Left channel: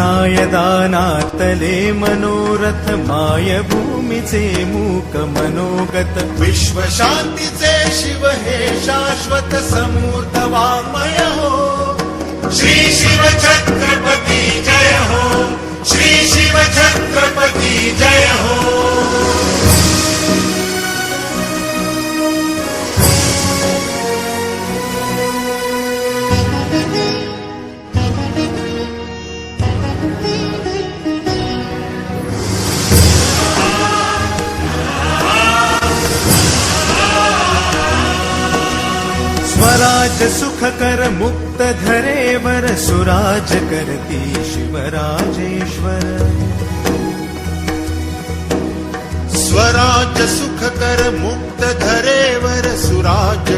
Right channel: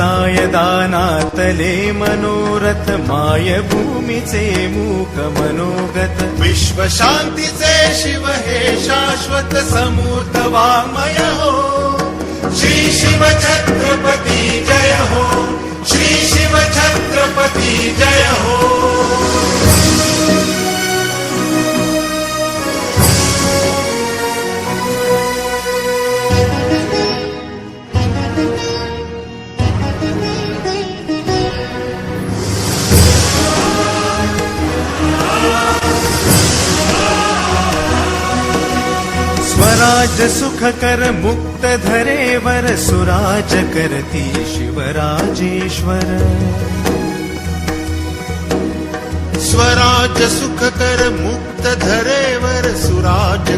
साय दानातले मनोरथ माय भूमीचे मूक मनोगत विश्व शांतीचे शिव हे शाश्वत समूर्त वाङ्मय हो श्री शिव छत्रपती जय हो श्री शिव छत्रपती जय हो स्वराज सुख कर मुक्त धरेवर सुराज करती शिवराजेश्वर स्वराज सुख कर मुक्त धरेवर सुराज